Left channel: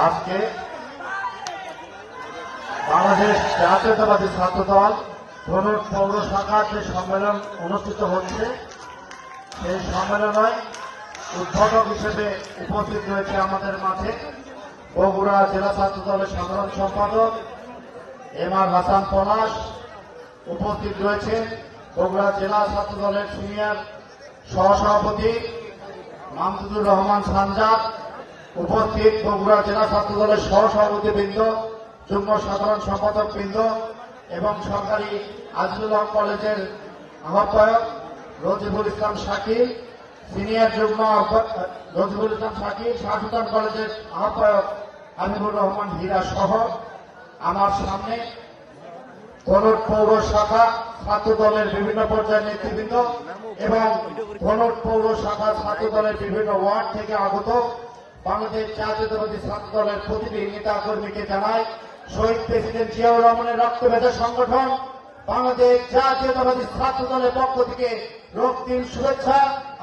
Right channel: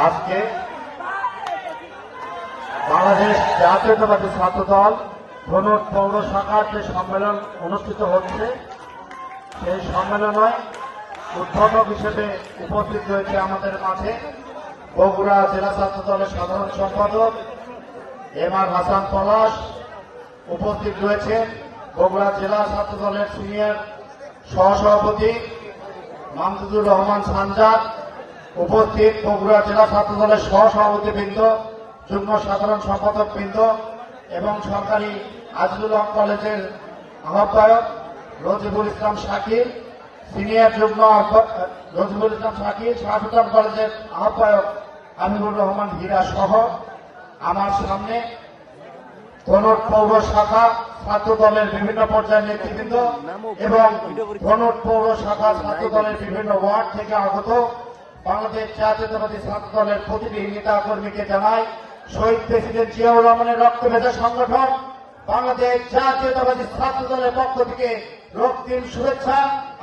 আজকে বাংলাদেশ জাতীয়তাবাদী ছাত্রদল ধনুর পৌর শাখার যে সম্মেলন অনুষ্ঠিত হচ্ছে সেই সম্মেলনে উদ্বোধক হিসেবে উপস্থিত রয়েছে আমাদের মাঠে বগুড়া জেলা ছাত্র দলের সাধারণ সম্পাদক এম.আর. হাসান পলাশ, উপস্থিত রয়েছে বগুড়া জেলা ছাত্র দলের সিনিয়র সহসভাপতি মামদুদুর রহমান সানজাদ, উপস্থিত বগুড়া জেলা ছাত্র দলের সহসভাপতিবৃন্দ, যুগ্ম সাধারণ সম্পাদক বৃন্দ এবং সরকারি আজিজুল হক কলেজের আহ্বায়ক রজিবুল ইসলাম শাকিল, সিনিয়র যুগ্ম রজিবুল ইসলাম শাকিল, শাহসুলতান কলেজের আহ্বায়ক হাবিবুর রহমান হীরা সহ আমার সামনে ধনুর পৌর শাখা ছাত্র দলের বিভিন্ন পর্যায়ের নেতৃবৃন্দ এবং ধনুর পৌর শাখা ছাত্র দলের বিভিন্ন ওয়ার্ড থেকে আগত বাংলাদেশ জাতীয়তাবাদী ছাত্র দলের প্রতিটি নেতা কর্মীকে জানাই শহীদ প্রেসিডেন্ট জিয়াউর রহমানের রক্তভেদা সংগঠন বাংলাদেশ জাতীয়তাবাদী ছাত্র দলের পক্ষ থেকে রক্তিম শুভেচ্ছা,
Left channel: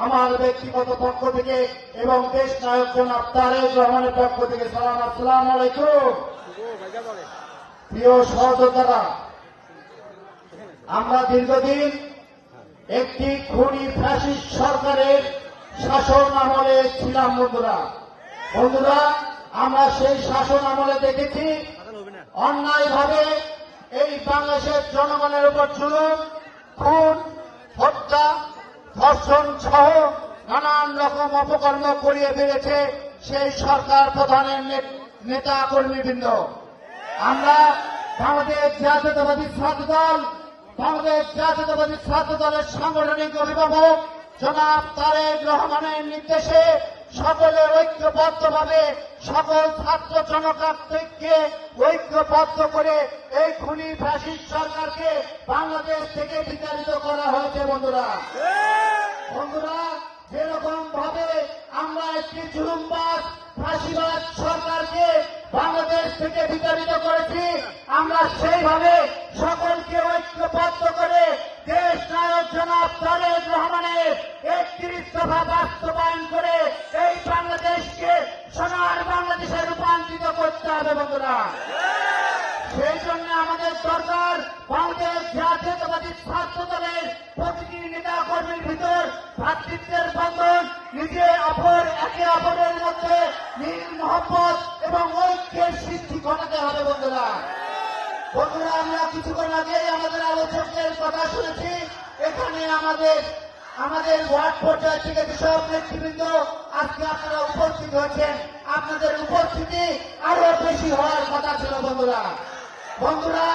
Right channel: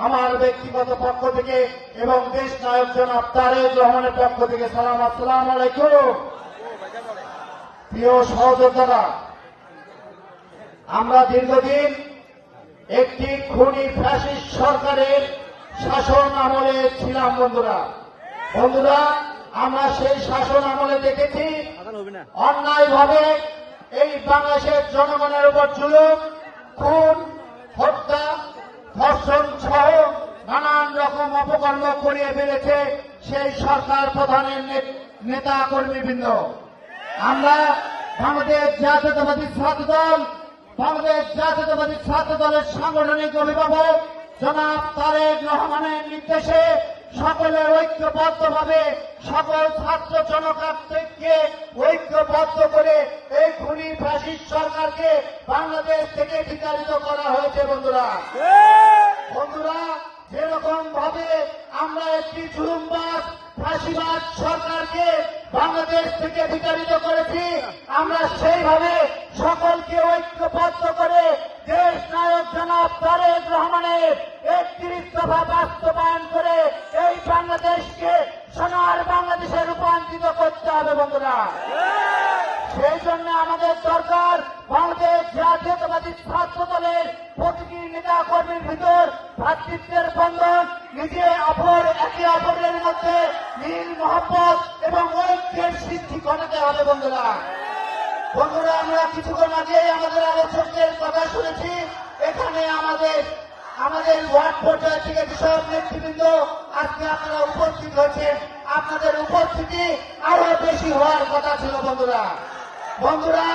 আমার ব্যক্তিগত পক্ষ থেকে এবং দেশ নায়ক জনাব তারেক রহমানের পক্ষ থেকে সালাম। আসসালামু আলাইকুম। প্রিয় সহযোদ্ধারা, আমরা দীর্ঘদিন একটি খুনি ফ্যাসিস্ট সরকারের শাসন আমলে ছিলাম। বন্ধুরা, আমরা সেই শাসন আমলে দেখেছি অন্যায়ভাবে এই বাংলাদেশের জনগণের উপর জুলুম, খুন, হত্যা, ধর্ষণ সহ নানান রকম অপকর্ম করিয়ে ফেলেছে সেই সরকার প্রধানের নেতা কর্মীবৃন্দ। আমরা বাংলাদেশ জাতীয়তাবাদী ছাত্র দল, বাংলাদেশ জাতীয়তাবাদী ছাত্র দলের সাংগঠনিক অভিভাবক জনাব তারেক রহমানের নির্দেশে সকলে ঐক্যবদ্ধভাবে সকল ছাত্র জনতাকে ঐক্যবদ্ধ করে এই খুনি ফ্যাসিস্ট সরকারকে বাংলাদেশ থেকে বিতাড়িত করা হয়েছে। বন্ধুরা, যেরকম ভাবে আমরা একটি জুলুমবাজ ফাঁসিবাদ সরকারকে বাংলাদেশ থেকে বিতাড়িত করেছি, আমরা সেইভাবে সকলকে ঐক্যবদ্ধ করে দেশ নায়ক জনাব তারেক রহমানের 31 দফা বাস্তবায়ন করে এই বাংলাদেশকে সোনার বাংলাদেশে রূপান্তরিত করতে হবে। বন্ধুরা, সেই জন্য আমাদের সরকার বাংলাদেশ জাতীয়তাবাদী ছাত্র দলের প্রতিটি নেতা কর্মীর ভিতর ভ্রাতৃত্বের বন্ধন, একে অপরের মধ্যে মিল মহব্বত এবং ঐক্যের সৃষ্টি ঘটাতে হবে। বন্ধুরা, আমরা কিছুক্ষণ আগে আমাদের আলোচকদের কথা শুনেছি। এখানে আমাদের ওয়ার্ড পর্যায় থেকে যেসব নেতৃবৃন্দ আজকে আপনারা উপস্থিত হয়েছেন, আপনাদের উপস্থিতি আরো বেশি হওয়ার কথা ছিল। বন্ধুরা,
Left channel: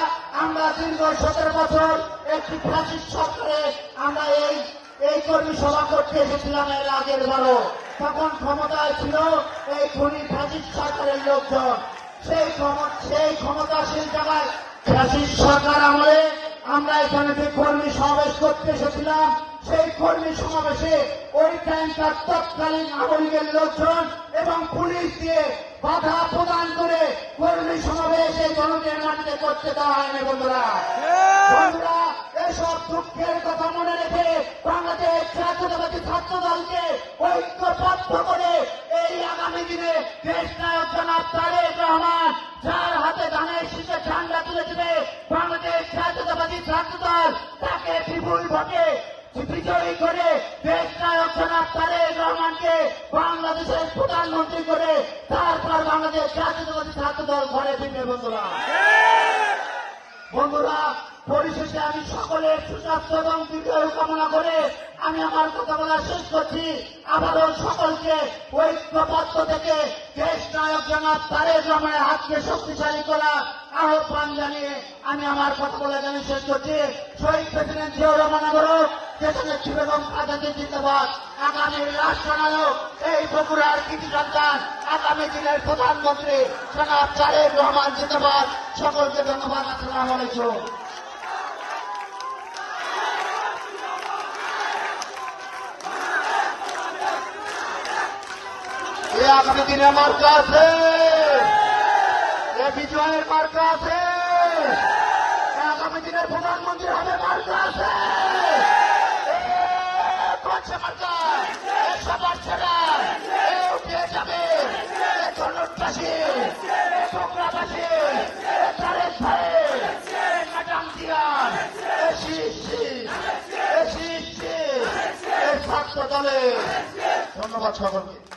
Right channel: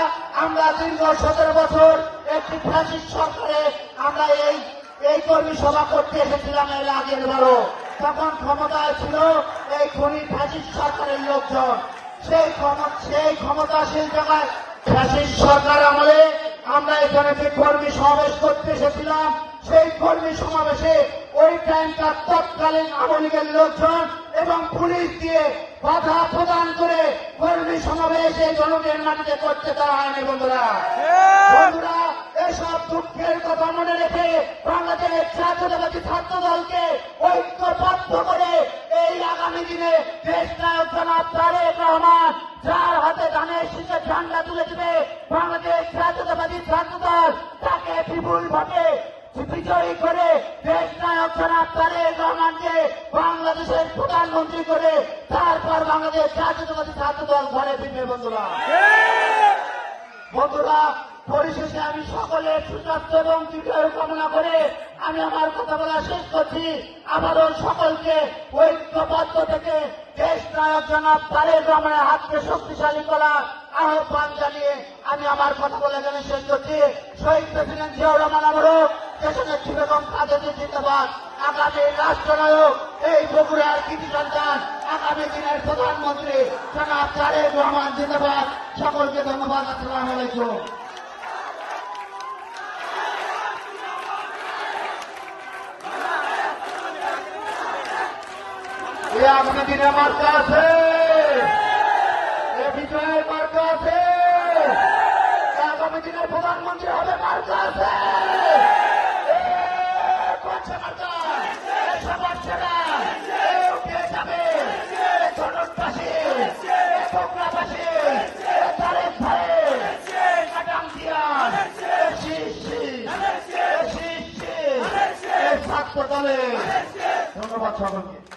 আমরা দীর্ঘ 17 বছর একটি ফ্যাসিস্ট সরকারে আমরা এই কর্মী সভা করতে এসেছিলাম এর আগের বারও। তখন ক্ষমতায় ছিল এই খুনি ফ্যাসিস্ট সরকারের লোকজন। সেই ক্ষমতাশীল জায়গায় ফ্যাসিস্ট সরকার আমলে আমরা এখানে যে কর্মী সমাবেশ করতে এসেছিলাম, সেই কর্মী সমাবেশে ওই টাইমটার তৎকালীন আওয়ামী লীগের লোকজন এবং পুলিশ দিয়ে বাধা প্রদান করে কর্মী সমাবেশে জনগণের মাটিতে করতে দেওয়া হয়নি। বন্ধুরা, এসব দুঃখের কথা মনে রেখে বাংলাদেশ জাতীয়তাবাদী ছাত্র দলকে ঐক্যবদ্ধ করে এই আগামী দিনে দেশ নায়ক জনাব তারেক রহমান যার হাতে ধানের শীতে ঠান্ডা তুলে দিবে বাংলাদেশ জাতীয়তাবাদী ছাত্র দল তাকে বিপুলভাবে বিজয়ী করে দেশ নায়ক জনাব তারেক রহমানকে বাংলাদেশের প্রধানমন্ত্রী করে তারপর বাংলাদেশ জাতীয়তাবাদী ছাত্র দল ঘরে ফিরবে। বন্ধুরা, পরিশেষে আমি সকলের সুস্বাস্থ্য এবং দীর্ঘায়ু কামনা করে আমি আমার কথা বলা শেষ করছি। আবারও সকলকে ঐক্যবদ্ধ থেকে দেশ নায়ক জনাব তারেক রহমানের হাতকে শক্তিশালী করার আহ্বান জানিয়ে আমি আমার কথা বলা শেষ করছি। শহীদ প্রেসিডেন্ট জিয়াউর রহমান আবারও দেশনেত্রী বেগম খালেদা জিন্দাবাদ। আগামী রাষ্ট্রনায়ক এই বগুড়ার কৃতি সন্তান আগামী দিনের প্রধানমন্ত্রী জনাব তারেক রহমান জিন্দাবাদ। সকলকে ধন্যবাদ। আসসালামু আলাইকুম। আগামী দিনে মার্কা আছে, বিজয়ের মার্কা আছে, আগামী দিনের প্রধানমন্ত্রী হবে মার্কা আছে। মার্কা সকলকে।